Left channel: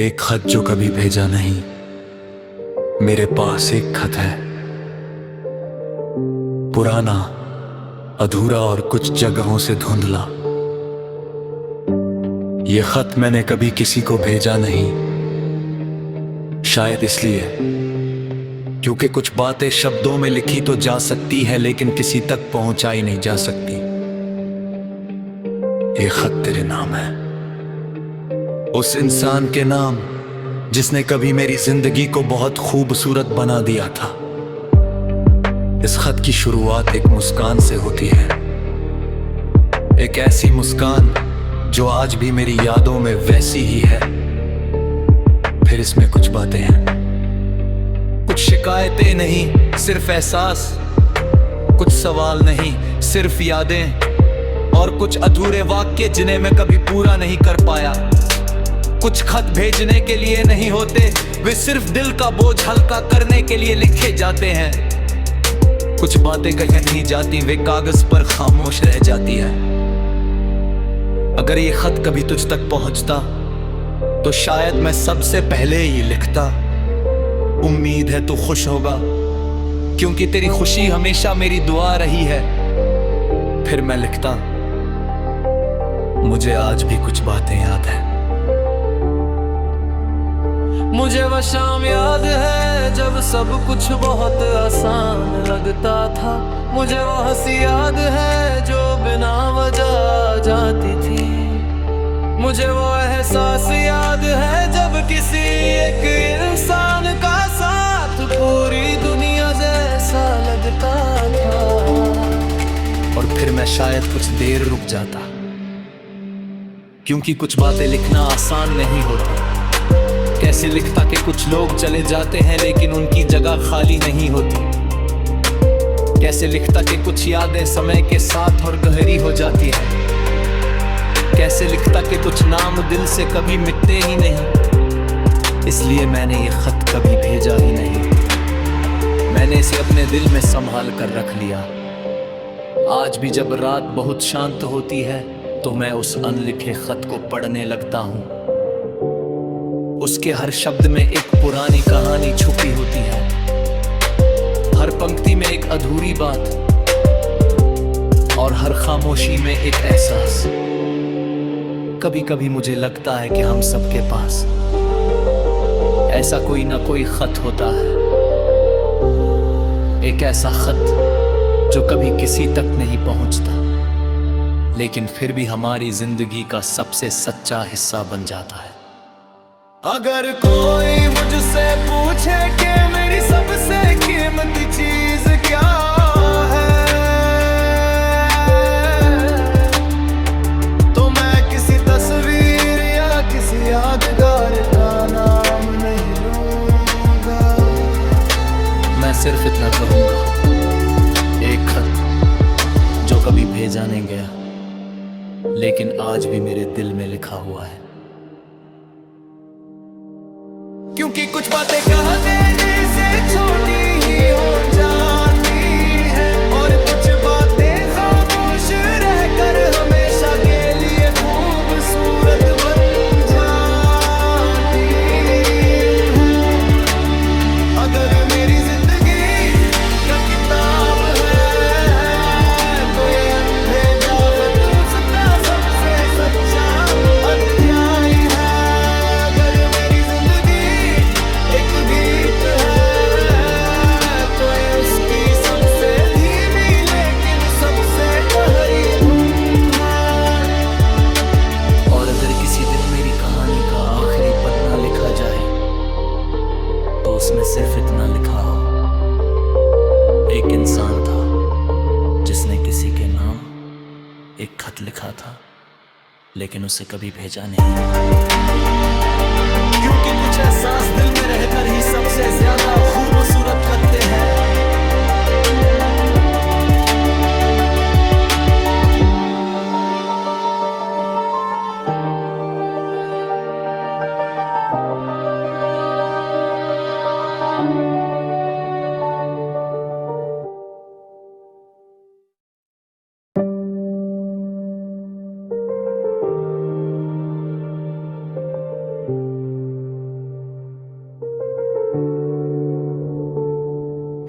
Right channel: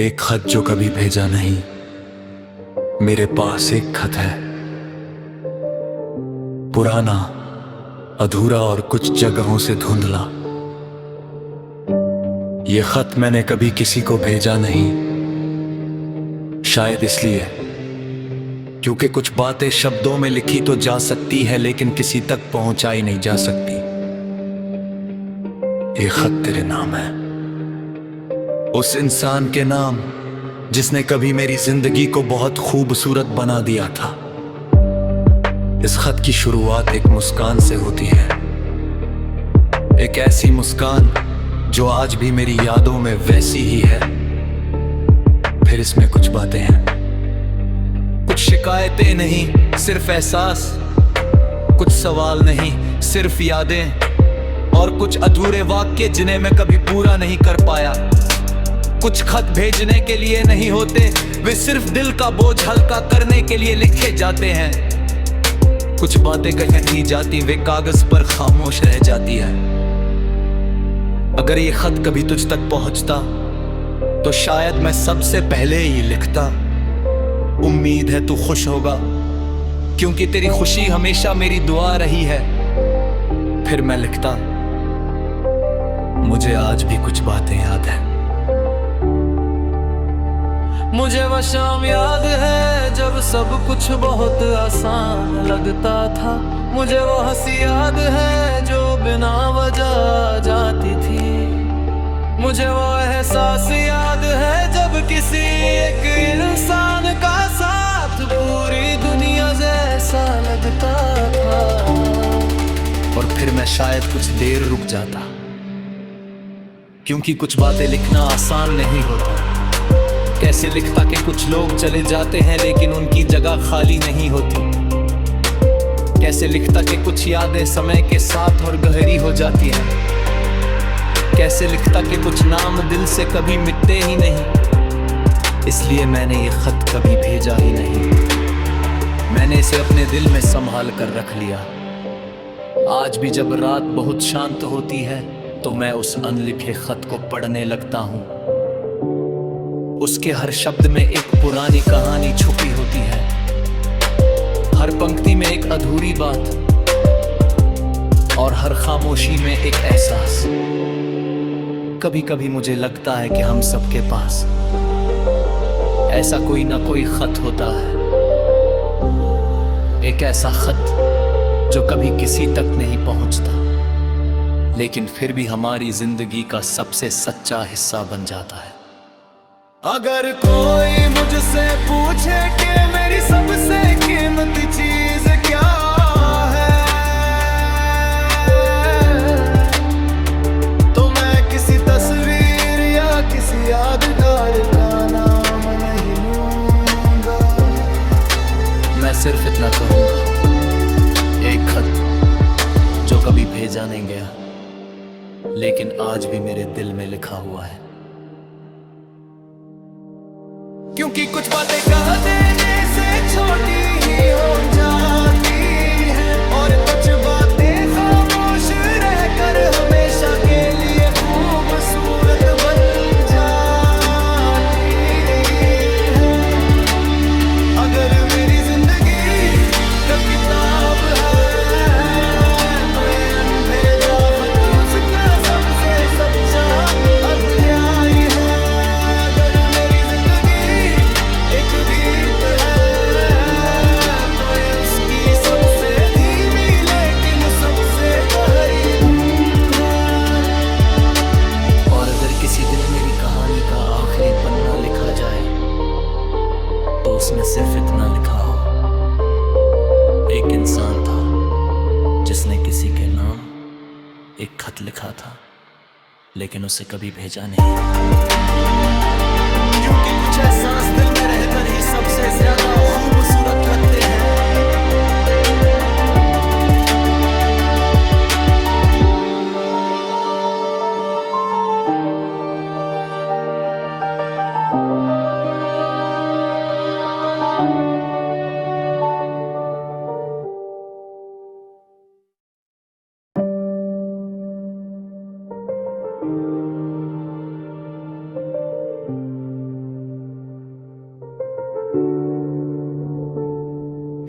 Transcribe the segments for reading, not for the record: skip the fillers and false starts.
एक खत जो कभी भेजा नहीं। मेरे पास एक खत है, पुराना, अधूरा और कुछ जगहों से धुंधला। ये खत मैंने कभी किसी को भेजा नहीं, शायद इसलिए क्योंकि कुछ बातें शब्दों में लिखी तो जा सकती है, लेकिन किसी तक पहुंचाई नहीं जा सकती। ये खत तेरे नाम है, उस इंसान के नाम जिसने कभी मेरी जिंदगी को बहुत खूबसूरत बना दिया था। इस खत की शुरुआत एक मुस्कान से होती है, एक ऐसी मुस्कान जो आज भी मेरी यादों में वैसी ही है। फिर इसमें कुछ बातें हैं, कुछ शिकायतें नहीं सिर्फ एहसास, कुछ सवाल नहीं सिर्फ यादें, और कुछ अधूरे वाक्य जिन्हें मैं कभी पूरा नहीं कर पाया। कुछ खत भेजने के लिए नहीं होते, वे सिर्फ दिल का बोझ हल्का करने के लिए लिखे जाते हैं। कुछ बातें कहीं नहीं जाती, वे कागज पर खामोश रह जाती है। अगर ये खत कभी तुझ तक पहुंचता तो शायद मैं सबसे पहले ही लिखता, उम्मीद है तू खुश होगा, क्योंकि तेरी खुशी हमेशा मेरी दुआ रही है। फिर मैं लिखता, मुझे आज भी कुछ बातें याद हैं। मुझे वह शाम याद है जब सब कुछ बहुत आसान लगता था। मुझे वो हंसी याद है जो बिना वजह आ जाती थी। मुझे वो एहसास याद है जब किसी एक इंसान का साथ पूरी दुनिया जैसा लगता था। और फिर मैं शायद कुछ देर रुक जाता, क्योंकि कुछ बातें लिखना आसान नहीं होता। कैसे लिखता कि कुछ लोग चले जाते हैं लेकिन उनकी जगह खाली नहीं होती। कैसे लिखता कि कुछ यादें समय के साथ और गहरी हो जाती हैं। कैसे लिखता कि कुछ नाम दिल से कभी मिटते ही नहीं। इसलिए मैंने ये खत कभी भेजा ही नहीं, मैंने इसे अपने दिल में संभाल कर रख लिया। आज भी जब रात बहुत शांत होती है तो मैं उस अनलिखे खत को पढ़ने लगता हूँ। उसके हर शब्द में एक पुरानी कहानी छुपी होती है, हर पंक्ति में एक अधूरी बात, और हर खामोशी में एक एहसास। कभी कभी मुझे लगता है कि हम सबके पास ऐसा कोई ना कोई खत होता है, एक ऐसा खत जो कभी किसी तक नहीं पहुंचता, लेकिन फिर भी हमारी जिंदगी का सबसे सच्चा हिस्सा बन जाता है। अगर कोई मुझसे पूछे कि मेरी सबसे कीमती चीज क्या है, तो मैं किसी तस्वीर या किसी यादगार का नाम नहीं लूंगा। मैं सिर्फ इतना कहूंगा, एक खत जो कभी भेजा नहीं गया, लेकिन आज भी मेरे दिल में लिखा हुआ है। क्योंकि कुछ बातें कह देने से छोटी ही हो जाती हैं, और कुछ बातें खामोश रहकर हमेशा के लिए खूबसूरत बन जाती हैं। अगर मेरी जिंदगी का किताब है तो ये अनभेजा खत उसका सबसे सच्चा अध्याय है। अगर किसी दिन मेरी कहानी का आखिरी पन्ना लिखा जाए तो उसमें सिर्फ इतना लिखा हो, एक इंसान था जिसने किसी के नाम एक खत लिखा था, लेकिन उसे कभी भेजा नहीं। क्योंकि कुछ एहसास दिल में रहकर ही सबसे ज्यादा खूबसूरत लगते हैं।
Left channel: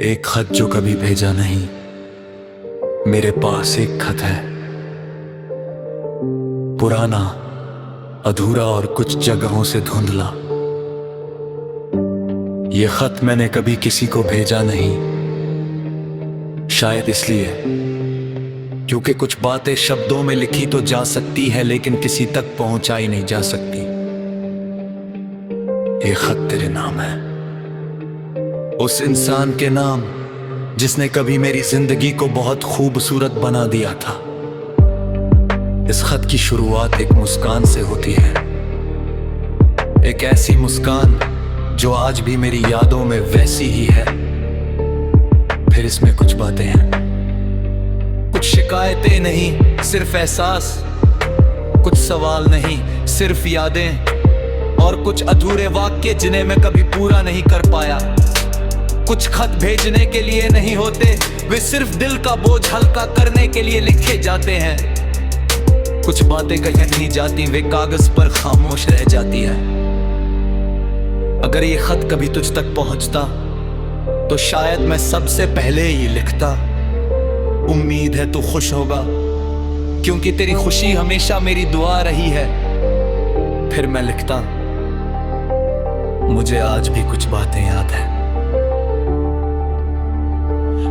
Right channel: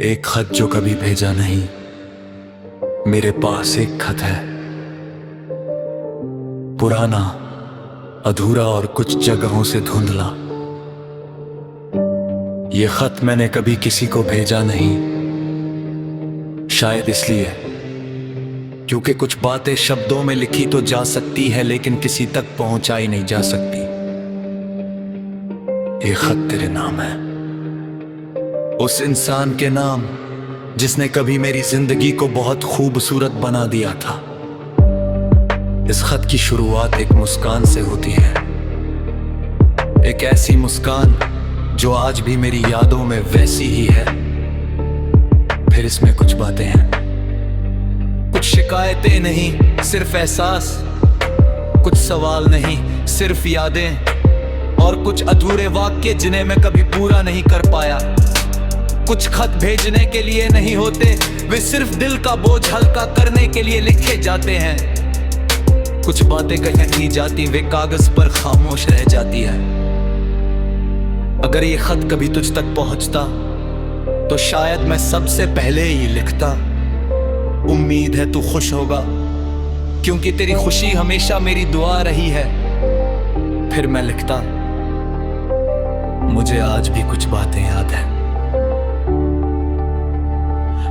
एक खत जो कभी भेजा नहीं, मेरे पास एक खत है, पुराना, अधूरा और कुछ जगहों से धुंधला। ये खत मैंने कभी किसी को भेजा नहीं, शायद इसलिए क्योंकि कुछ बातें शब्दों में लिखी तो जा सकती है, लेकिन किसी तक पहुंचाई नहीं जा सकती। ये खत तेरे नाम है, उस इंसान के नाम जिसने कभी मेरी जिंदगी को बहुत खूबसूरत बना दिया था। इस खत की शुरुआत एक मुस्कान से होती है, एक ऐसी मुस्कान जो आज भी मेरी यादों में वैसी ही है। फिर इसमें कुछ बातें हैं, कुछ शिकायतें नहीं, सिर्फ एहसास, कुछ सवाल नहीं, सिर्फ यादें, और कुछ अधूरे वाक्य जिन्हें मैं कभी पूरा नहीं कर पाया। कुछ खत भेजने के लिए नहीं होते, वे सिर्फ दिल का बोझ हल्का करने के लिए लिखे जाते हैं। कुछ बातें कहीं नहीं जाती, वे कागज पर खामोश रह जाती है। अगर ये खत कभी तुझ तक पहुंचता तो शायद मैं सबसे पहले ही लिखता, उम्मीद है तू खुश होगा, क्योंकि तेरी खुशी हमेशा मेरी दुआ रही है। फिर मैं लिखता, मुझे आज भी कुछ बातें याद है।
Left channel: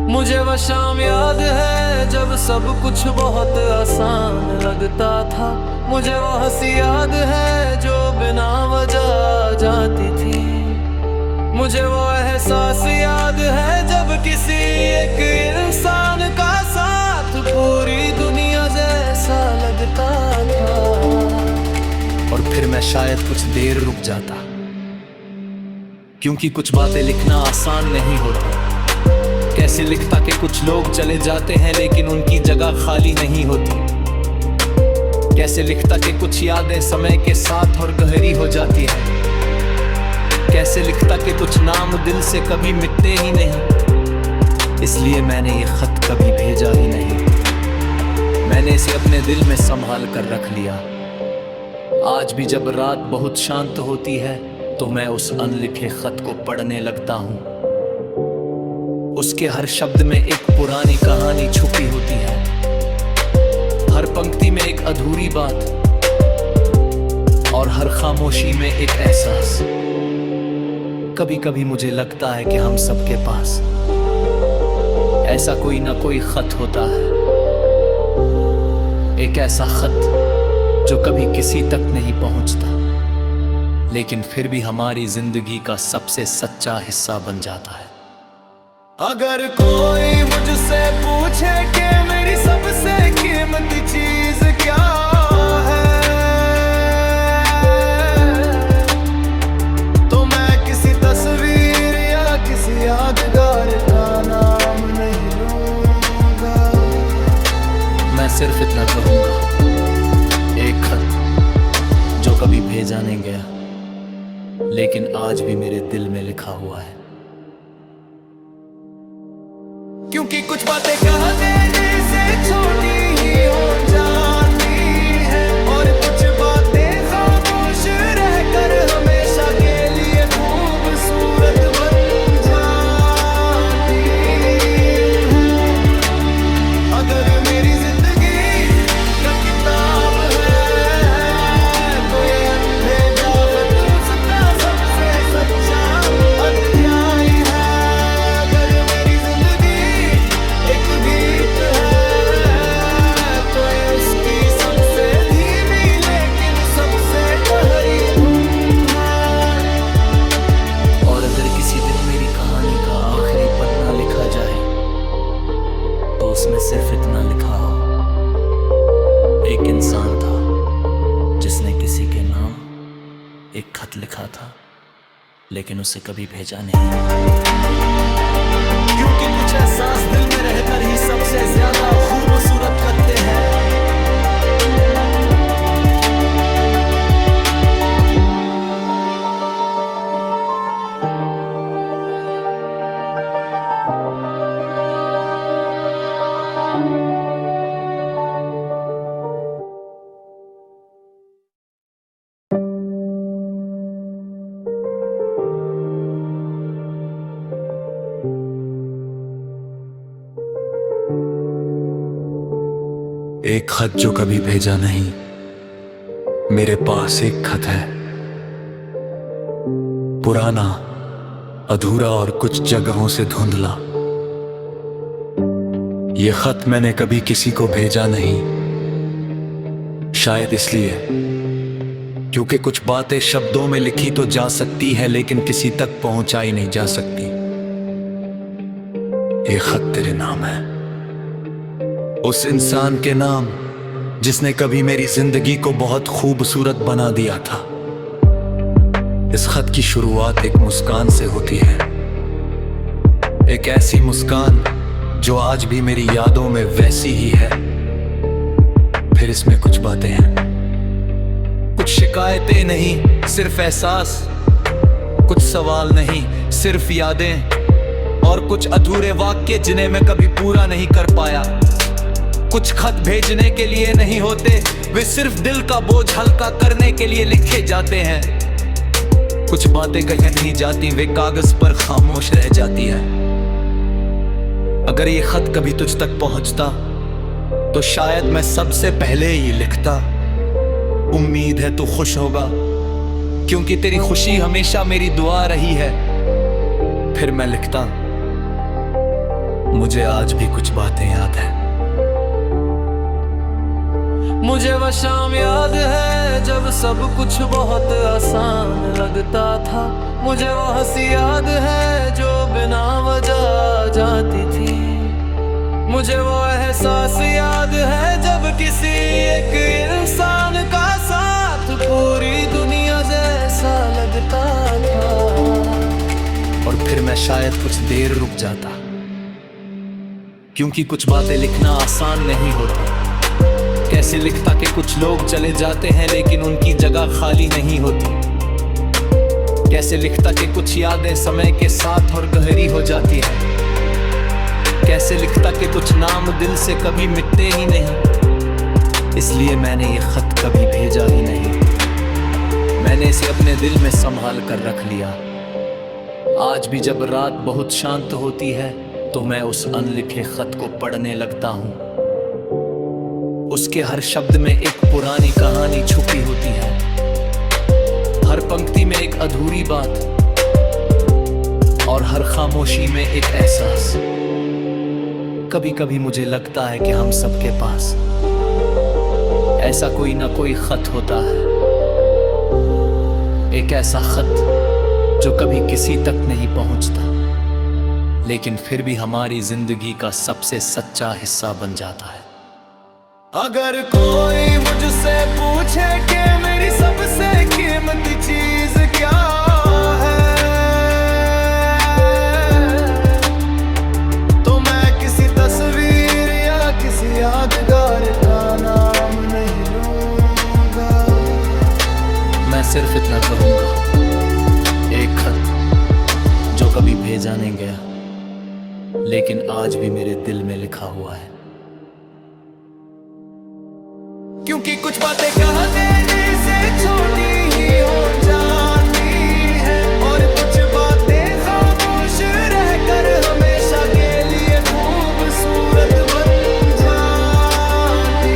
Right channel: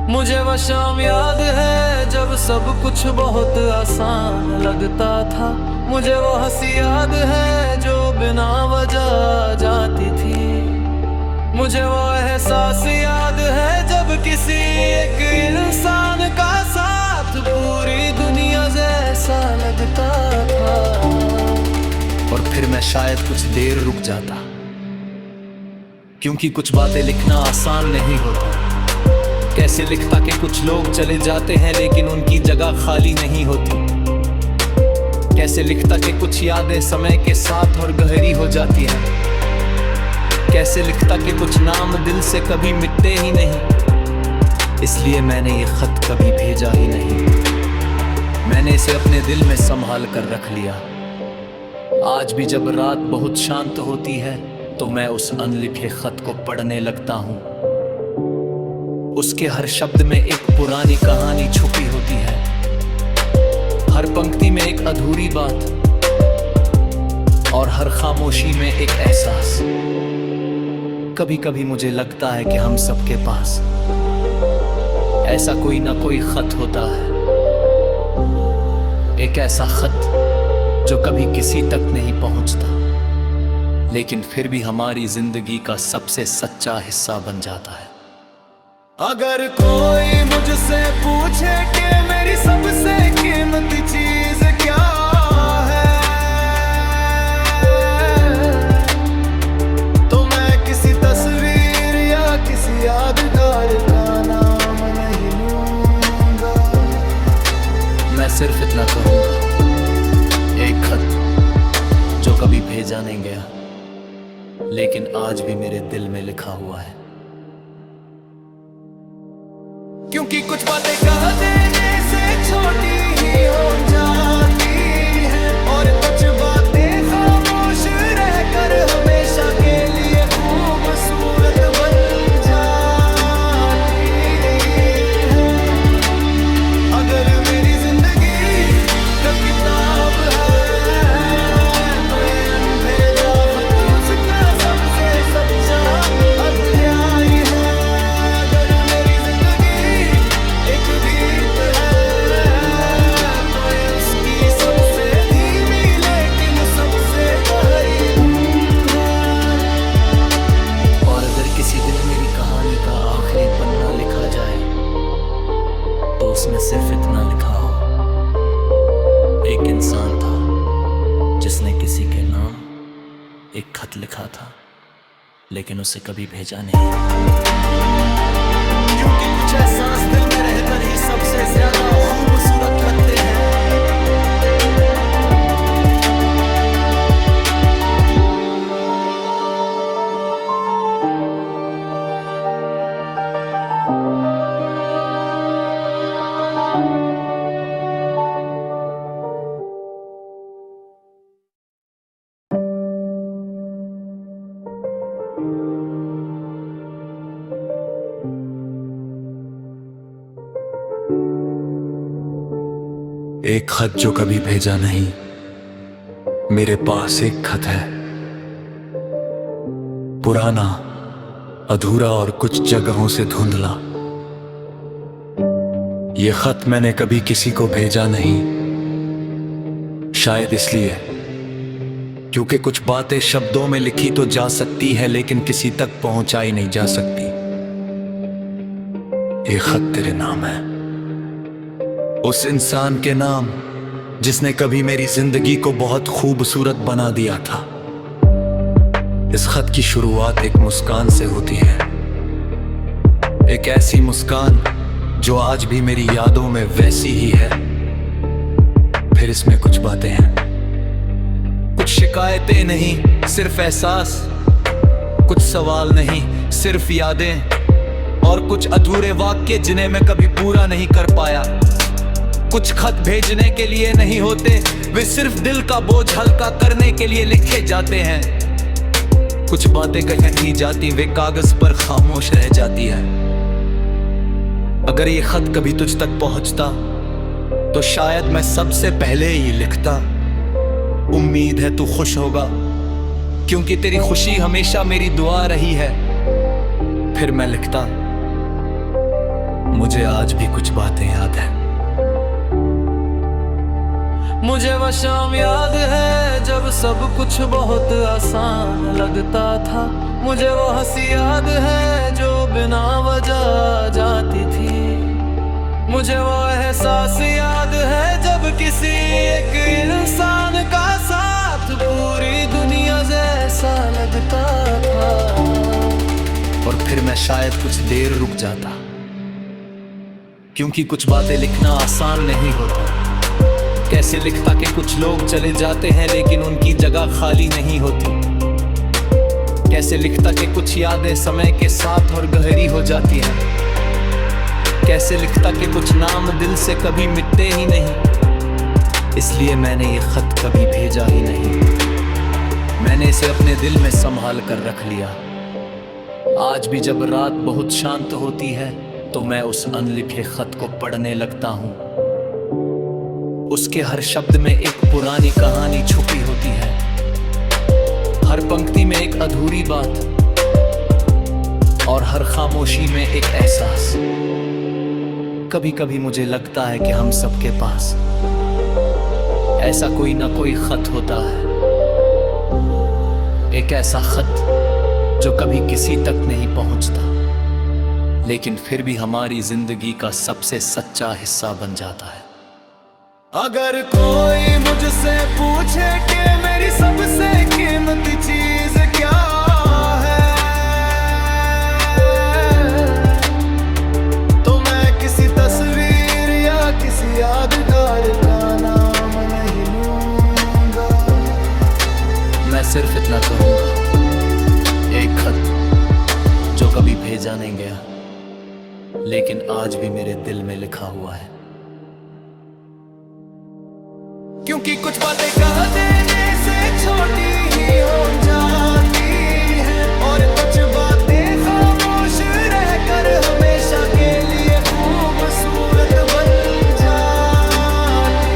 मुझे वह शाम याद है जब सब कुछ बहुत आसान लगता था। मुझे वो हंसी याद है जो बिना वजह जाती थी। मुझे वो एहसास याद है जब किसी एक इंसान का साथ पूरी दुनिया जैसा लगता था। और फिर मैं शायद कुछ देर रुक जाता, क्योंकि कुछ बातें लिखना आसान नहीं होता। कैसे लिखता कि कुछ लोग चले जाते हैं लेकिन उनकी जगह खाली नहीं होती। कैसे लिखता कि कुछ यादें समय के साथ और गहरी हो जाती हैं। कैसे लिखता कि कुछ नाम दिल से कभी मिटते ही नहीं। इसलिए मैंने ये खत कभी भेजा ही नहीं, मैंने इसे अपने दिल में संभाल कर रख लिया। आज भी जब रात बहुत शांत होती है तो मैं उस अनलिखे खत को पढ़ने लगता हूँ। उसके हर शब्द में एक पुरानी कहानी छुपी होती है, हर पंक्ति में एक अधूरी बात, और हर खामोशी में एक एहसास। कभी कभी मुझे लगता है कि हम सबके पास ऐसा कोई ना कोई खत होता है, एक ऐसा खत जो कभी किसी तक नहीं पहुंचता, लेकिन फिर भी हमारी जिंदगी का सबसे सच्चा हिस्सा बन जाता है। अगर कोई मुझसे पूछे कि मेरी सबसे कीमती चीज क्या है, तो मैं किसी तस्वीर या किसी यादगार का नाम नहीं लूंगा। मैं सिर्फ इतना कहूंगा, एक खत जो कभी भेजा नहीं गया लेकिन आज भी मेरे दिल में लिखा हुआ है। क्योंकि कुछ बातें कह देने से छोटी ही हो जाती हैं, और कुछ बातें खामोश रहकर हमेशा के लिए खूबसूरत बन जाती हैं। अगर मेरी जिंदगी का किताब है तो ये अनभेजा खत उसका सबसे सच्चा अध्याय है। अगर मेरी एक गीत है तो ये उसकी सबसे धीमी लेकिन सबसे गहरी धुन है। और अगर किसी दिन मेरी कहानी का आखिरी पन्ना लिखा जाए तो उसमें सिर्फ इतना लिखा हो, एक इंसान था जिसने किसी के नाम एक खत लिखा था लेकिन उसे कभी भेजा नहीं। क्योंकि कुछ एहसास दिल में रहकर ही सबसे ज्यादा खूबसूरत लगते हैं। एक खत जो कभी भेजा नहीं, मेरे पास एक खत है, पुराना, अधूरा और कुछ जगहों से धुंधला। ये खत मैंने कभी किसी को भेजा नहीं, शायद इसलिए क्योंकि कुछ बातें शब्दों में लिखी तो जा सकती है, लेकिन किसी तक पहुंचाई नहीं जा सकती। ये खत तेरे नाम है, उस इंसान के नाम जिसने कभी मेरी जिंदगी को बहुत खूबसूरत बना दिया था। इस खत की शुरुआत एक मुस्कान से होती है, एक ऐसी मुस्कान जो आज भी मेरी यादों में वैसी ही है। फिर इसमें कुछ बातें हैं, कुछ शिकायतें नहीं सिर्फ एहसास, कुछ सवाल नहीं सिर्फ यादें, और कुछ अधूरे वाक्य जिन्हें मैं कभी पूरा नहीं कर पाया। कुछ खत भेजने के लिए नहीं होते, वे सिर्फ दिल का बोझ हल्का करने के लिए लिखे जाते हैं। कुछ बातें कहीं नहीं जाती, वे कागज पर खामोश रह जाती है। अगर ये खत कभी तुझ तक पहुंचता तो शायद मैं सबसे पहले ही लिखता, उम्मीद है तू खुश होगा, क्योंकि तेरी खुशी हमेशा मेरी दुआ रही है। फिर मैं लिखता, मुझे आज भी कुछ बातें याद है। मुझे वह शाम याद है जब सब कुछ बहुत आसान लगता था। मुझे वो हंसी याद है जो बिना वजह जाती थी। मुझे वो एहसास याद है जब किसी एक इंसान का साथ पूरी दुनिया जैसा लगता था। और फिर मैं शायद कुछ देर रुक जाता, क्योंकि कुछ बातें लिखना आसान नहीं होता। कैसे लिखता कि कुछ लोग चले जाते हैं लेकिन उनकी जगह खाली नहीं होती। कैसे लिखता कि कुछ यादें समय के साथ और गहरी हो जाती हैं। कैसे लिखता कि कुछ नाम दिल से कभी मिटते ही नहीं। इसलिए मैंने ये खत कभी भेजा ही नहीं, मैंने इसे अपने दिल में संभाल कर रख लिया। आज भी जब रात बहुत शांत होती है तो मैं उस अनलिखे खत को पढ़ने लगता हूँ। उसके हर शब्द में एक पुरानी कहानी छुपी होती है, हर पंक्ति में एक अधूरी बात, और हर खामोशी में एक एहसास। कभी कभी मुझे लगता है कि हम सबके पास ऐसा कोई ना कोई खत होता है, एक ऐसा खत जो कभी किसी तक नहीं पहुंचता, लेकिन फिर भी हमारी जिंदगी का सबसे सच्चा हिस्सा बन जाता है। अगर कोई मुझसे पूछे कि मेरी सबसे कीमती चीज क्या है, तो मैं किसी तस्वीर या किसी यादगार का नाम नहीं लूंगा। मैं सिर्फ इतना कहूंगा, एक खत जो कभी भेजा नहीं गया लेकिन आज भी मेरे दिल में लिखा हुआ है। क्योंकि कुछ बातें कह देने से छोटी ही हो जाती हैं, और कुछ बातें खामोश रहकर हमेशा के लिए खूबसूरत बन जाती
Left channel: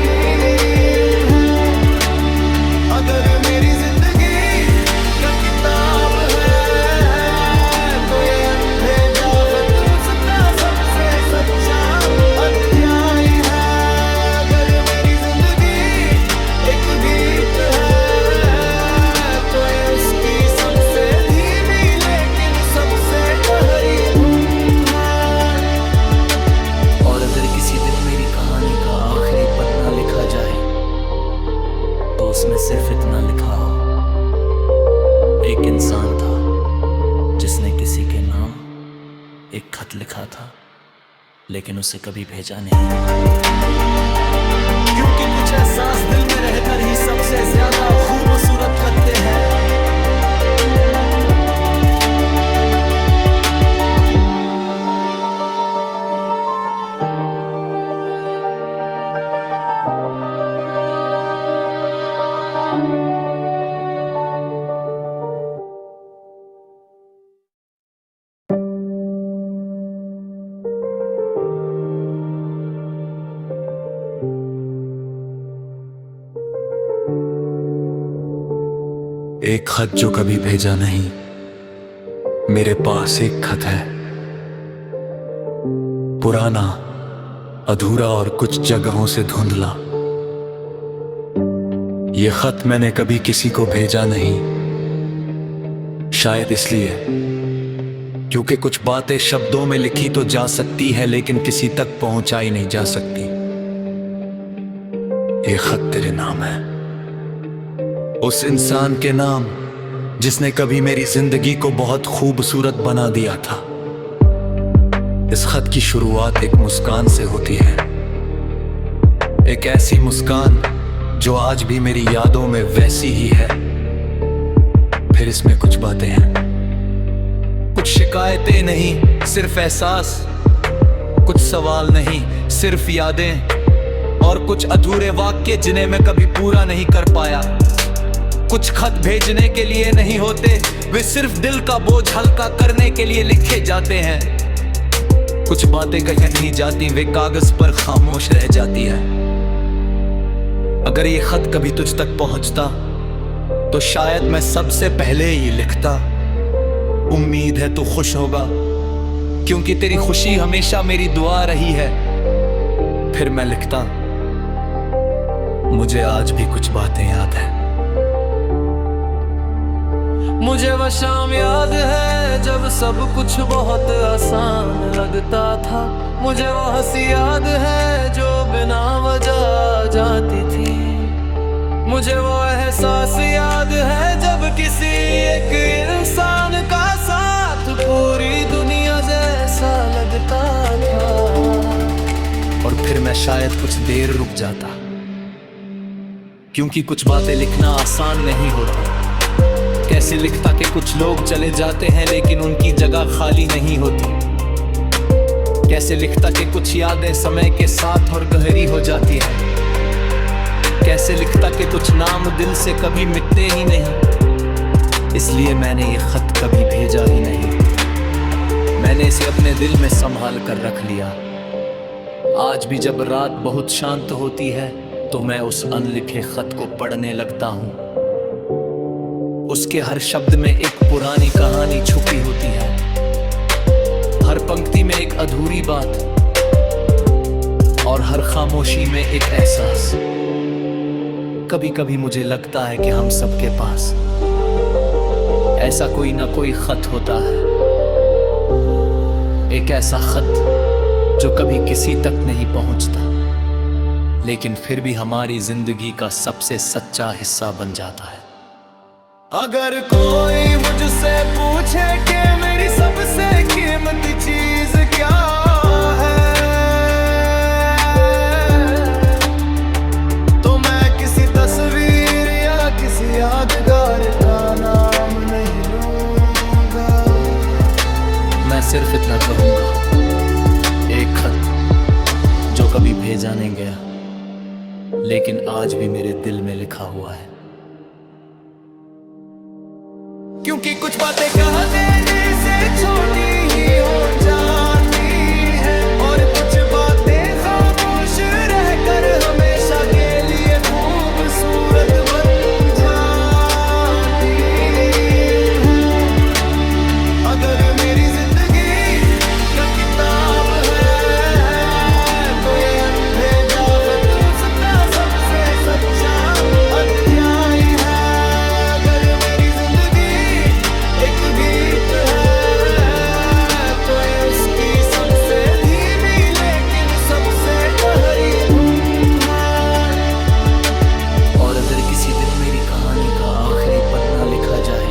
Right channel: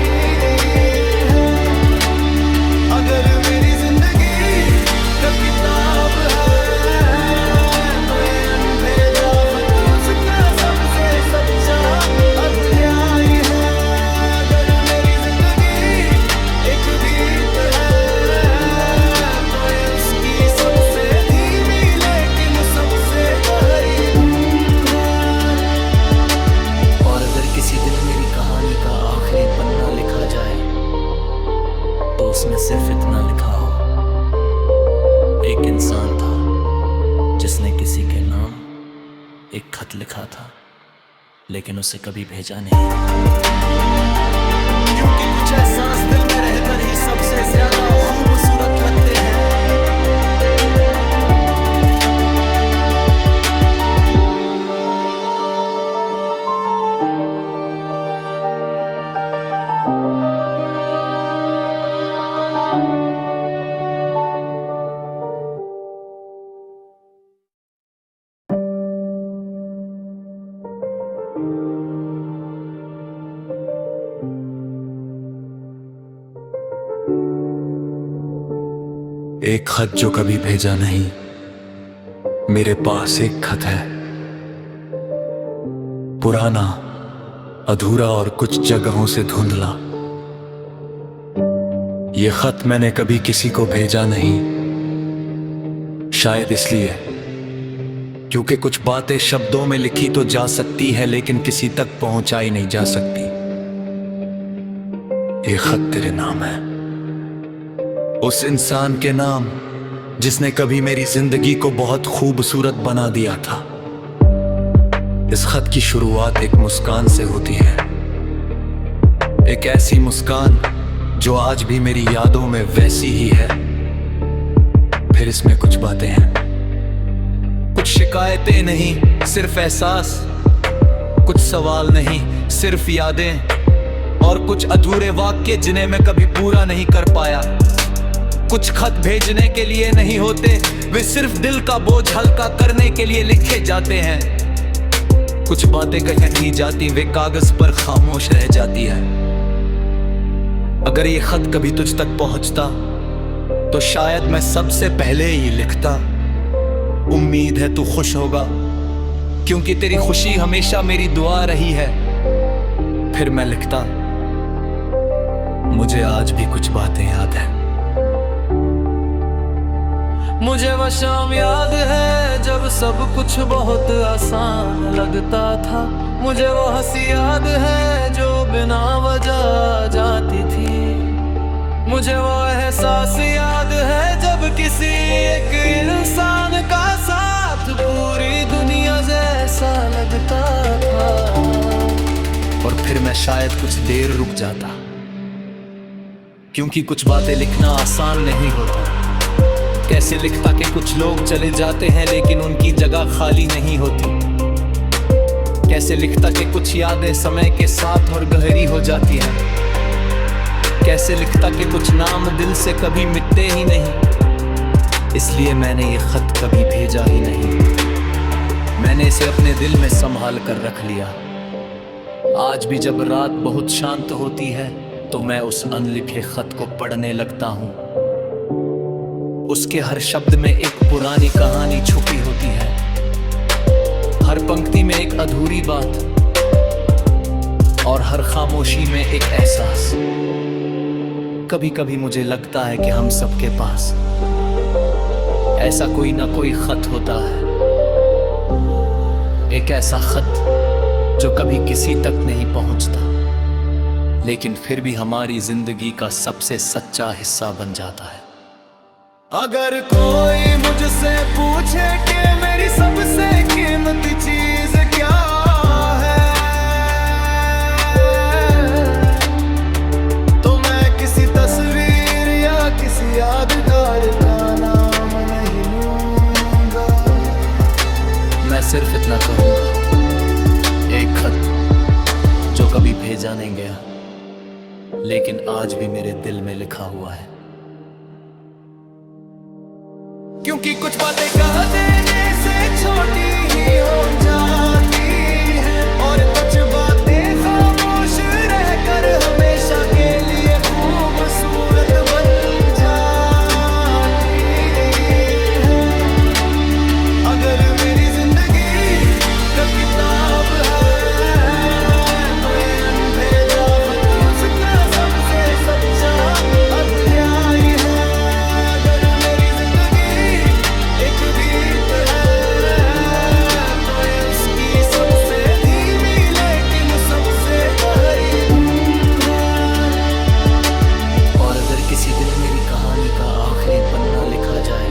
हैं। अगर मेरी जिंदगी का किताब है तो ये अनभेजा खत उसका सबसे सच्चा अध्याय है। अगर मेरी जिंदगी एक गीत है तो ये उसकी सबसे धीमी लेकिन सबसे गहरी धुन है। और अगर किसी दिन मेरी कहानी का आखिरी पन्ना लिखा जाए तो उसमें सिर्फ इतना लिखा हो, एक इंसान था जिसने किसी के नाम एक खत लिखा था लेकिन उसे कभी भेजा नहीं। क्योंकि कुछ एहसास दिल में रहकर ही सबसे ज्यादा खूबसूरत लगते हैं। एक खत जो कभी भेजा नहीं, मेरे पास एक खत है, पुराना, अधूरा और कुछ जगहों से धुंधला। ये खत मैंने कभी किसी को भेजा नहीं, शायद इसलिए क्योंकि कुछ बातें शब्दों में लिखी तो जा सकती है, लेकिन किसी तक पहुंचाई नहीं जा सकती। ये खत तेरे नाम है, उस इंसान के नाम जिसने कभी मेरी जिंदगी को बहुत खूबसूरत बना दिया था। इस खत की शुरुआत एक मुस्कान से होती है, एक ऐसी मुस्कान जो आज भी मेरी यादों में वैसी ही है। फिर इसमें कुछ बातें हैं, कुछ शिकायतें नहीं, सिर्फ एहसास, कुछ सवाल नहीं, सिर्फ यादें, और कुछ अधूरे वाक्य जिन्हें मैं कभी पूरा नहीं कर पाया। कुछ खत भेजने के लिए नहीं होते, वे सिर्फ दिल का बोझ हल्का करने के लिए लिखे जाते हैं। कुछ बातें कहीं नहीं जाती, वे कागज पर खामोश रह जाती है। अगर ये खत कभी तुझ तक पहुंचता तो शायद मैं सबसे पहले ही लिखता, उम्मीद है तू खुश होगा, क्योंकि तेरी खुशी हमेशा मेरी दुआ रही है। फिर मैं लिखता, मुझे आज भी कुछ बातें याद है। मुझे वह शाम याद है जब सब कुछ बहुत आसान लगता था। मुझे वो हंसी याद है जो बिना वजह आ जाती थी। मुझे वो एहसास याद है जब किसी एक इंसान का साथ पूरी दुनिया जैसा लगता था। और फिर मैं शायद कुछ देर रुक जाता, क्योंकि कुछ बातें लिखना आसान नहीं होता। कैसे लिखता कि कुछ लोग चले जाते हैं लेकिन उनकी जगह खाली नहीं होती। कैसे लिखता कि कुछ यादें समय के साथ और गहरी हो जाती हैं। कैसे लिखता कि कुछ नाम दिल से कभी मिटते ही नहीं। इसलिए मैंने ये खत कभी भेजा ही नहीं, मैंने इसे अपने दिल में संभाल कर रख लिया। आज भी जब रात बहुत शांत होती है तो मैं उस अनलिखे खत को पढ़ने लगता हूँ। उसके हर शब्द में एक पुरानी कहानी छुपी होती है, हर पंक्ति में एक अधूरी बात, और हर खामोशी में एक एहसास। कभी कभी मुझे लगता है कि हम सबके पास ऐसा कोई ना कोई खत होता है, एक ऐसा खत जो कभी किसी तक नहीं पहुंचता, लेकिन फिर भी हमारी जिंदगी का सबसे सच्चा हिस्सा बन जाता है। अगर कोई मुझसे पूछे कि मेरी सबसे कीमती चीज क्या है, तो मैं किसी तस्वीर या किसी यादगार का नाम नहीं लूंगा। मैं सिर्फ इतना कहूंगा, एक खत जो कभी भेजा नहीं गया लेकिन आज भी मेरे दिल में लिखा हुआ है। क्योंकि कुछ बातें कह देने से छोटी ही हो जाती हैं, और कुछ बातें खामोश रहकर हमेशा के लिए खूबसूरत बन जाती हैं। अगर मेरी जिंदगी का किताब है तो ये अनभेजा खत उसका सबसे सच्चा अध्याय है। अगर मेरी जिंदगी एक गीत है तो ये उसकी सबसे धीमी लेकिन सबसे गहरी धुन है। और अगर किसी दिन मेरी कहानी का आखिरी पन्ना लिखा जाए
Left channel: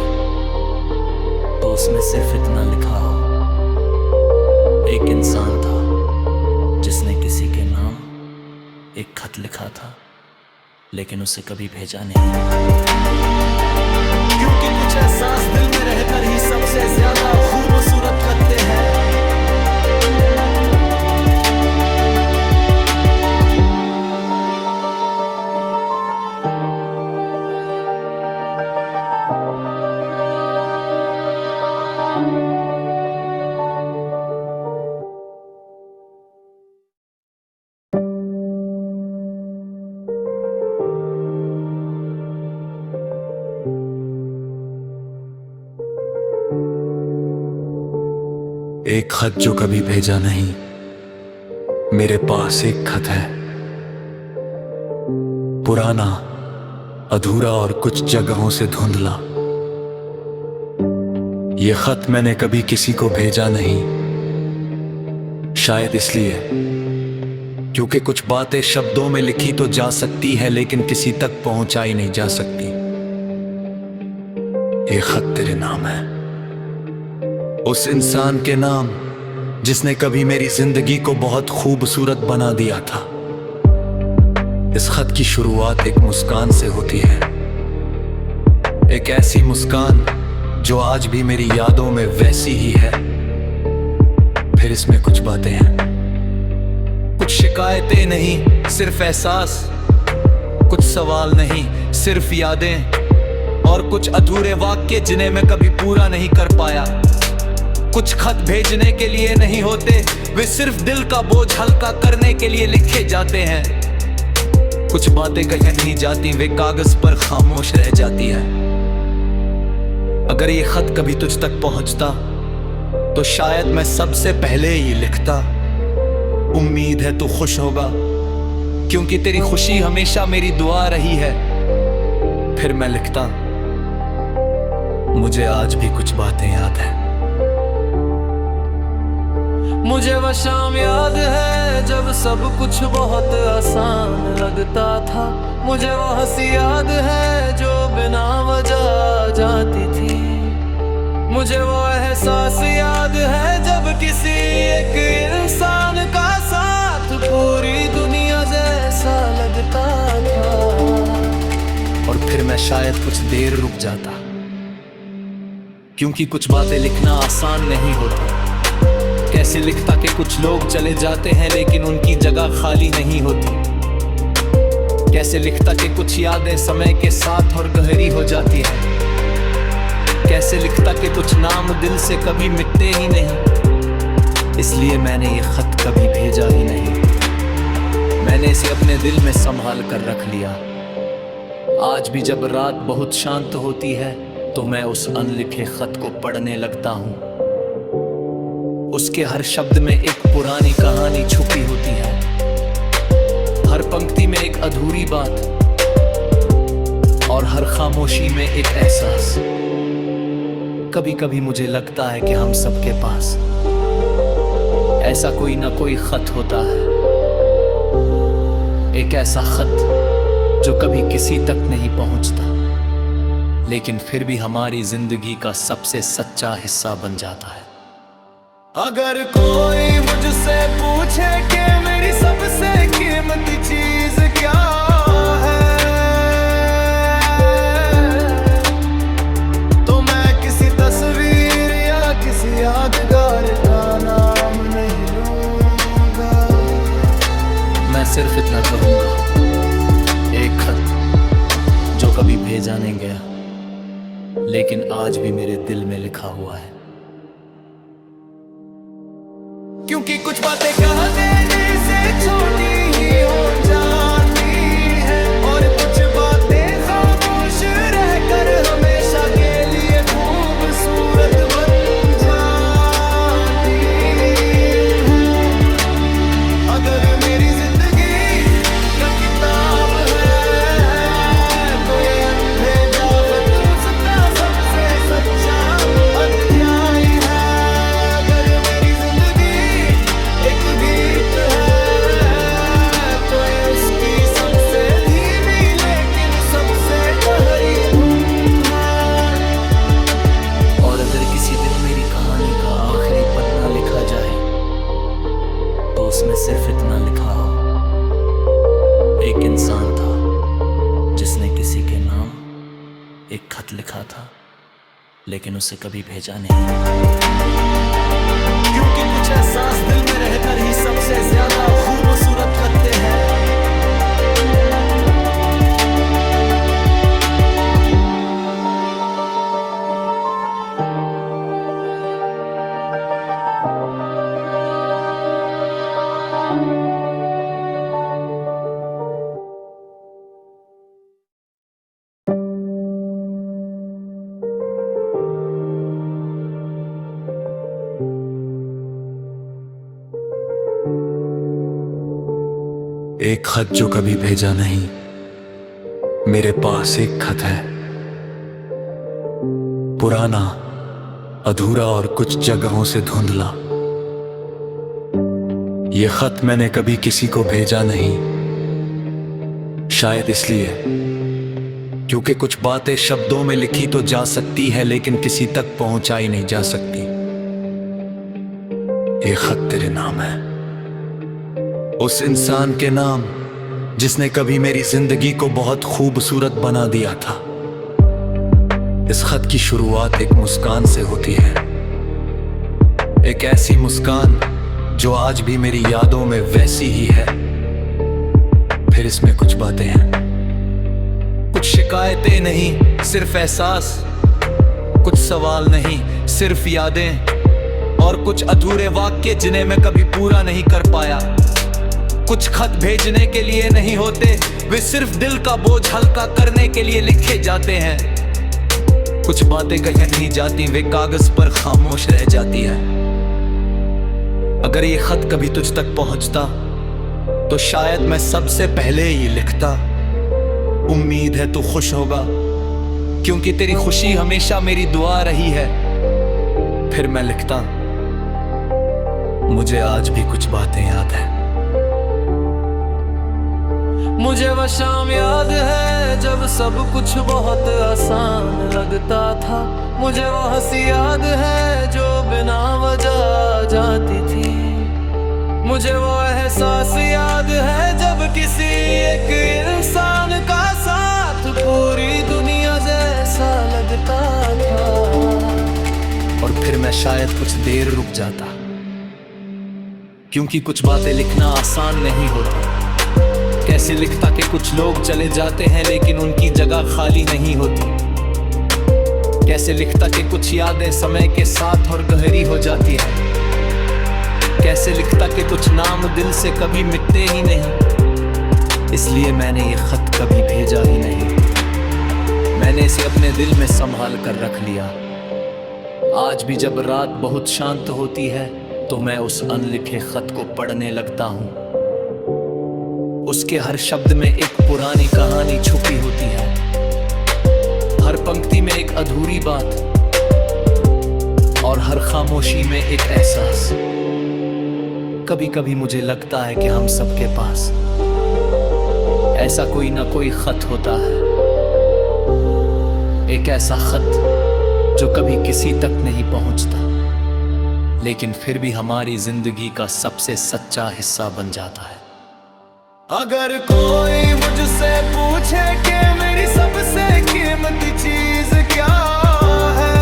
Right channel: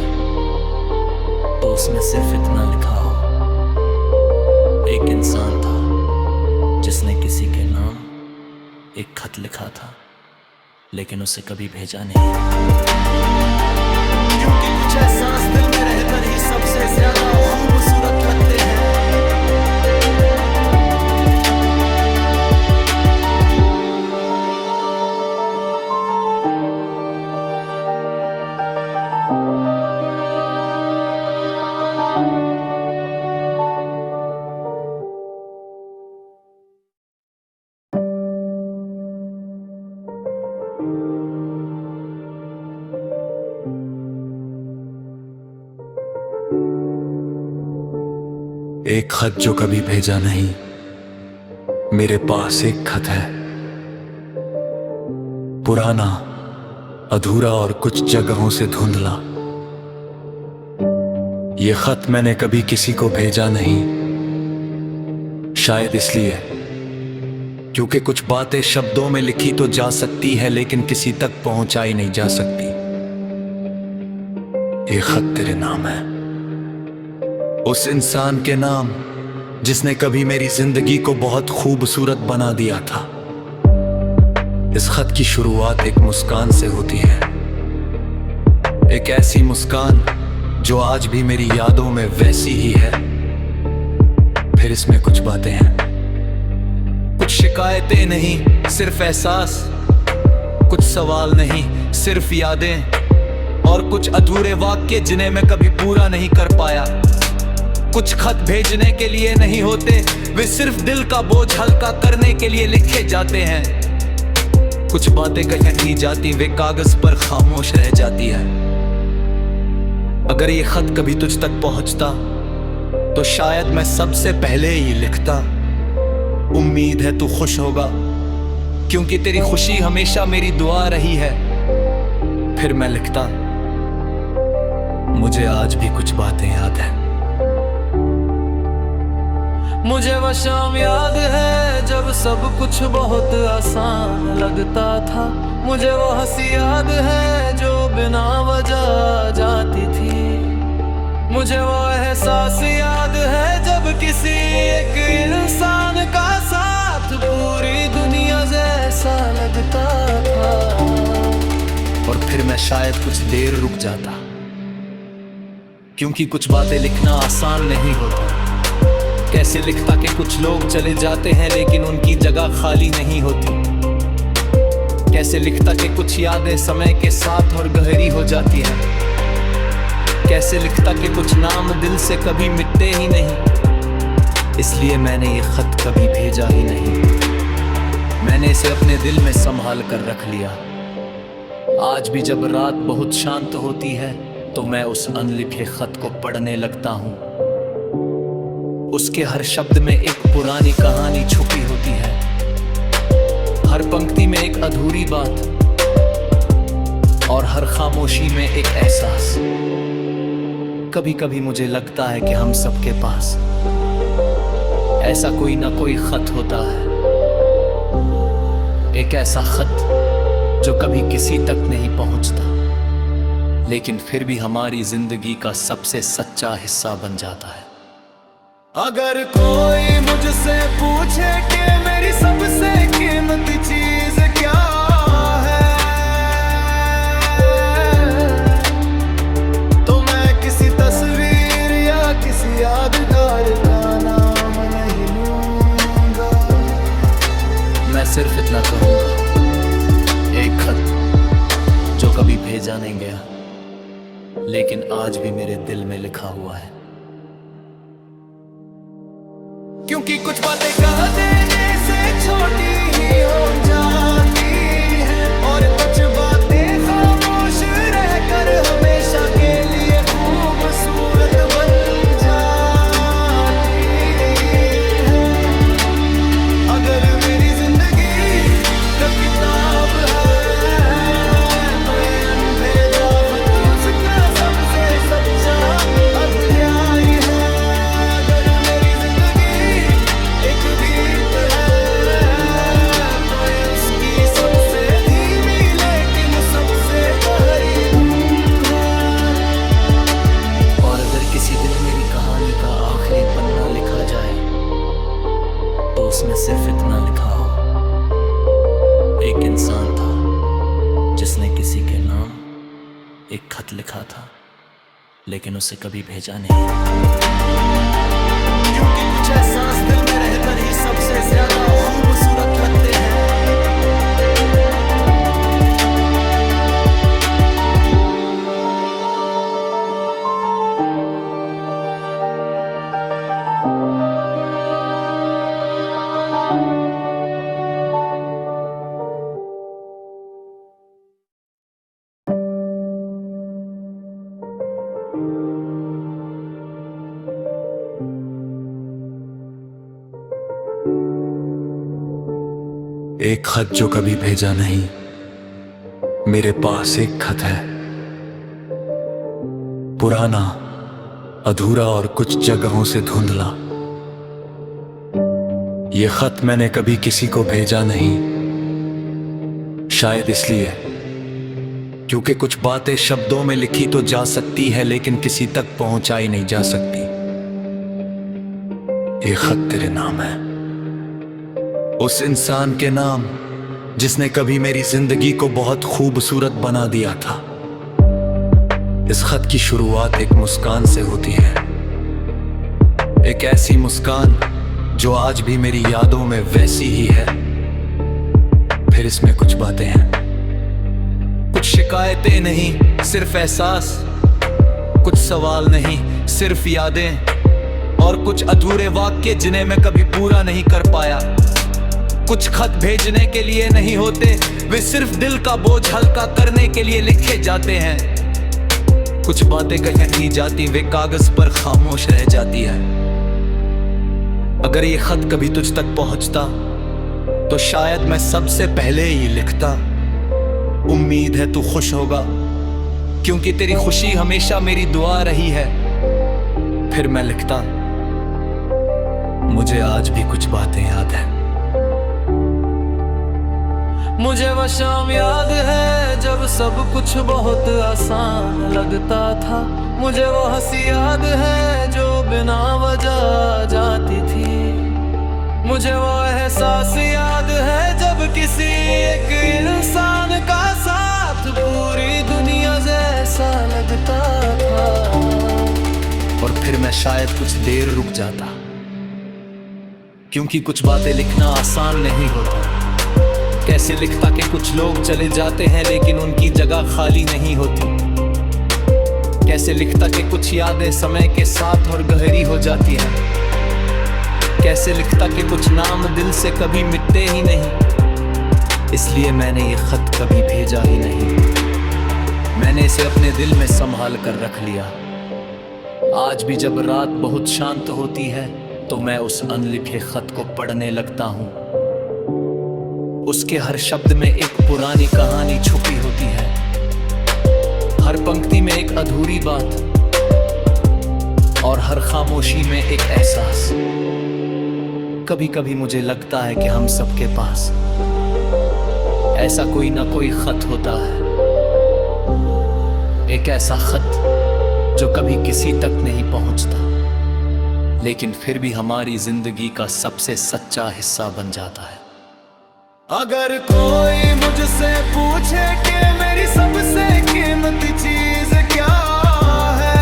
तो उसमें सिर्फ इतना लिखा हो, एक इंसान था जिसने किसी के नाम एक खत लिखा था लेकिन उसे कभी भेजा नहीं। क्योंकि कुछ एहसास दिल में रहकर ही सबसे ज्यादा खूबसूरत लगते हैं। एक खत जो कभी भेजा नहीं, मेरे पास एक खत है, पुराना, अधूरा और कुछ जगहों से धुंधला। ये खत मैंने कभी किसी को भेजा नहीं, शायद इसलिए क्योंकि कुछ बातें शब्दों में लिखी तो जा सकती है, लेकिन किसी तक पहुंचाई नहीं जा सकती। ये खत तेरे नाम है, उस इंसान के नाम जिसने कभी मेरी जिंदगी को बहुत खूबसूरत बना दिया था। इस खत की शुरुआत एक मुस्कान से होती है, एक ऐसी मुस्कान जो आज भी मेरी यादों में वैसी ही है। फिर इसमें कुछ बातें हैं, कुछ शिकायतें नहीं सिर्फ एहसास, कुछ सवाल नहीं सिर्फ यादें, और कुछ अधूरे वाक्य जिन्हें मैं कभी पूरा नहीं कर पाया। कुछ खत भेजने के लिए नहीं होते, वे सिर्फ दिल का बोझ हल्का करने के लिए लिखे जाते हैं। कुछ बातें कहीं नहीं जाती, वे कागज पर खामोश रह जाती है। अगर ये खत कभी तुझ तक पहुंचता तो शायद मैं सबसे पहले ही लिखता, उम्मीद है तू खुश होगा, क्योंकि तेरी खुशी हमेशा मेरी दुआ रही है। फिर मैं लिखता, मुझे आज भी कुछ बातें याद है। मुझे वह शाम याद है जब सब कुछ बहुत आसान लगता था। मुझे वो हंसी याद है जो बिना वजह जाती थी। मुझे वो एहसास याद है जब किसी एक इंसान का साथ पूरी दुनिया जैसा लगता था। और फिर मैं शायद कुछ देर रुक जाता, क्योंकि कुछ बातें लिखना आसान नहीं होता। कैसे लिखता कि कुछ लोग चले जाते हैं लेकिन उनकी जगह खाली नहीं होती। कैसे लिखता कि कुछ यादें समय के साथ और गहरी हो जाती हैं। कैसे लिखता कि कुछ नाम दिल से कभी मिटते ही नहीं। इसलिए मैंने ये खत कभी भेजा ही नहीं, मैंने इसे अपने दिल में संभाल कर रख लिया। आज भी जब रात बहुत शांत होती है तो मैं उस अनलिखे खत को पढ़ने लगता हूँ। उसके हर शब्द में एक पुरानी कहानी छुपी होती है, हर पंक्ति में एक अधूरी बात, और हर खामोशी में एक एहसास। कभी कभी मुझे लगता है कि हम सबके पास ऐसा कोई ना कोई खत होता है, एक ऐसा खत जो कभी किसी तक नहीं पहुंचता, लेकिन फिर भी हमारी जिंदगी का सबसे सच्चा हिस्सा बन जाता है। अगर कोई मुझसे पूछे कि मेरी सबसे कीमती चीज क्या है, तो मैं किसी तस्वीर या किसी यादगार का नाम नहीं लूंगा। मैं सिर्फ इतना कहूंगा, एक खत जो कभी भेजा नहीं गया लेकिन आज भी मेरे दिल में लिखा हुआ है। क्योंकि कुछ बातें कह देने से छोटी ही हो जाती हैं, और कुछ बातें खामोश रहकर हमेशा के लिए खूबसूरत बन जाती हैं। अगर मेरी जिंदगी का किताब है तो ये अनभेजा खत उसका सबसे सच्चा अध्याय है। अगर मेरी एक गीत है तो ये उसकी सबसे धीमी लेकिन सबसे गहरी धुन है। और अगर किसी दिन मेरी कहानी का आखिरी पन्ना लिखा जाए तो उसमें सिर्फ इतना लिखा हो, एक इंसान था जिसने किसी के नाम एक खत लिखा था लेकिन उसे कभी भेजा नहीं। क्योंकि कुछ एहसास दिल में रहकर ही सबसे ज्यादा खूबसूरत लगते हैं। एक खत जो कभी भेजा नहीं, मेरे पास एक खत है, पुराना, अधूरा और कुछ जगहों से धुंधला। ये खत मैंने कभी किसी को भेजा नहीं, शायद इसलिए क्योंकि कुछ बातें शब्दों में लिखी तो जा सकती है, लेकिन किसी तक पहुंचाई नहीं जा सकती। ये खत तेरे नाम है, उस इंसान के नाम जिसने कभी मेरी जिंदगी को बहुत खूबसूरत बना दिया था। इस खत की शुरुआत एक मुस्कान से होती है, एक ऐसी मुस्कान जो आज भी मेरी यादों में वैसी ही है। फिर इसमें कुछ बातें हैं, कुछ शिकायतें नहीं, सिर्फ एहसास, कुछ सवाल नहीं, सिर्फ यादें, और कुछ अधूरे वाक्य जिन्हें मैं कभी पूरा नहीं कर पाया। कुछ खत भेजने के लिए नहीं होते, वे सिर्फ दिल का बोझ हल्का करने के लिए लिखे जाते हैं। कुछ बातें कही नहीं जाती, वे कागज पर खामोश रह जाती है। अगर ये खत कभी तुझ तक पहुंचता तो शायद मैं सबसे पहले ही लिखता, उम्मीद है तू खुश होगा, क्योंकि तेरी खुशी हमेशा मेरी दुआ रही है। फिर मैं लिखता, मुझे आज भी कुछ बातें याद है। मुझे वह शाम याद है जब सब कुछ बहुत आसान लगता था। मुझे वो हंसी याद है जो बिना वजह आ जाती थी। मुझे वो एहसास याद है जब किसी एक इंसान का साथ पूरी दुनिया जैसा लगता था। और फिर मैं शायद कुछ देर रुक जाता, क्योंकि कुछ बातें लिखना आसान नहीं होता। कैसे लिखता कि कुछ लोग चले जाते हैं लेकिन उनकी जगह खाली नहीं होती। कैसे लिखता कि कुछ यादें समय के साथ और गहरी हो जाती हैं। कैसे लिखता कि कुछ नाम दिल से कभी मिटते ही नहीं। इसलिए मैंने ये खत कभी भेजा ही नहीं, मैंने इसे अपने दिल में संभाल कर रख लिया। आज भी जब रात बहुत शांत होती है तो मैं उस अनलिखे खत को पढ़ने लगता हूँ। उसके हर शब्द में एक पुरानी कहानी छुपी होती है, हर पंक्ति में एक अधूरी बात, और हर खामोशी में एक एहसास। कभी कभी मुझे लगता है कि हम सबके पास ऐसा कोई ना कोई खत होता है, एक ऐसा खत जो कभी किसी तक नहीं पहुंचता, लेकिन फिर भी हमारी जिंदगी का सबसे सच्चा हिस्सा बन जाता है। अगर कोई मुझसे पूछे कि मेरी सबसे कीमती चीज क्या है,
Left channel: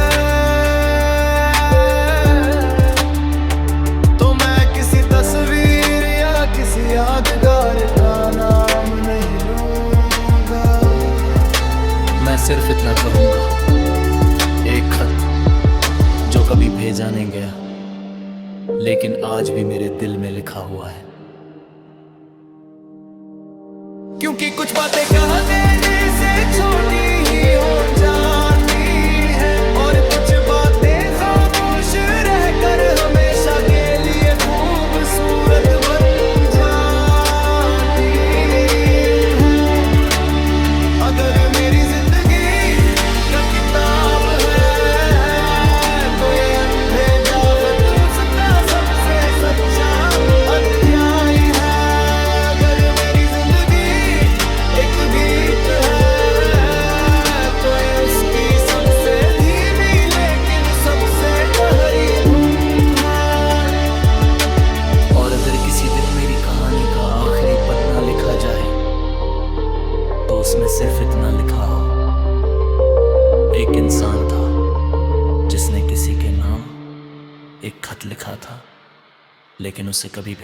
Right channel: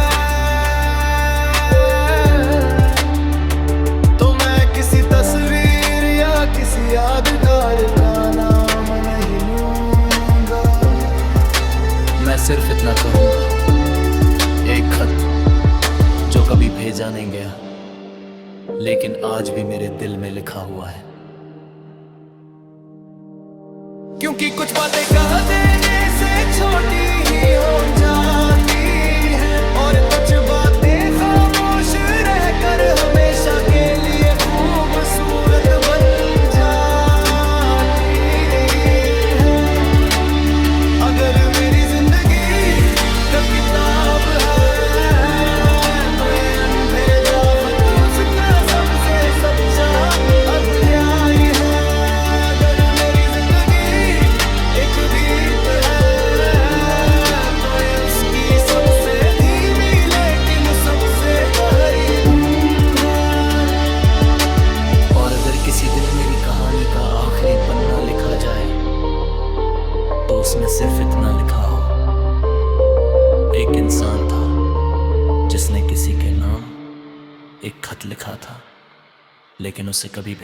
तो मैं किसी तस्वीर या किसी यादगार का नाम नहीं लूंगा। मैं सिर्फ इतना कहूंगा, एक खत जो कभी भेजा नहीं गया, लेकिन आज भी मेरे दिल में लिखा हुआ है। क्योंकि कुछ बातें कह देने से छोटी ही हो जाती हैं, और कुछ बातें खामोश रहकर हमेशा के लिए खूबसूरत बन जाती हैं। अगर मेरी जिंदगी का किताब है तो ये अनभेजा खत उसका सबसे सच्चा अध्याय है। अगर किसी दिन मेरी कहानी का आखिरी पन्ना लिखा जाए तो उसमें सिर्फ इतना लिखा हो, एक इंसान था जिसने किसी के नाम एक खत लिखा था, लेकिन उसे कभी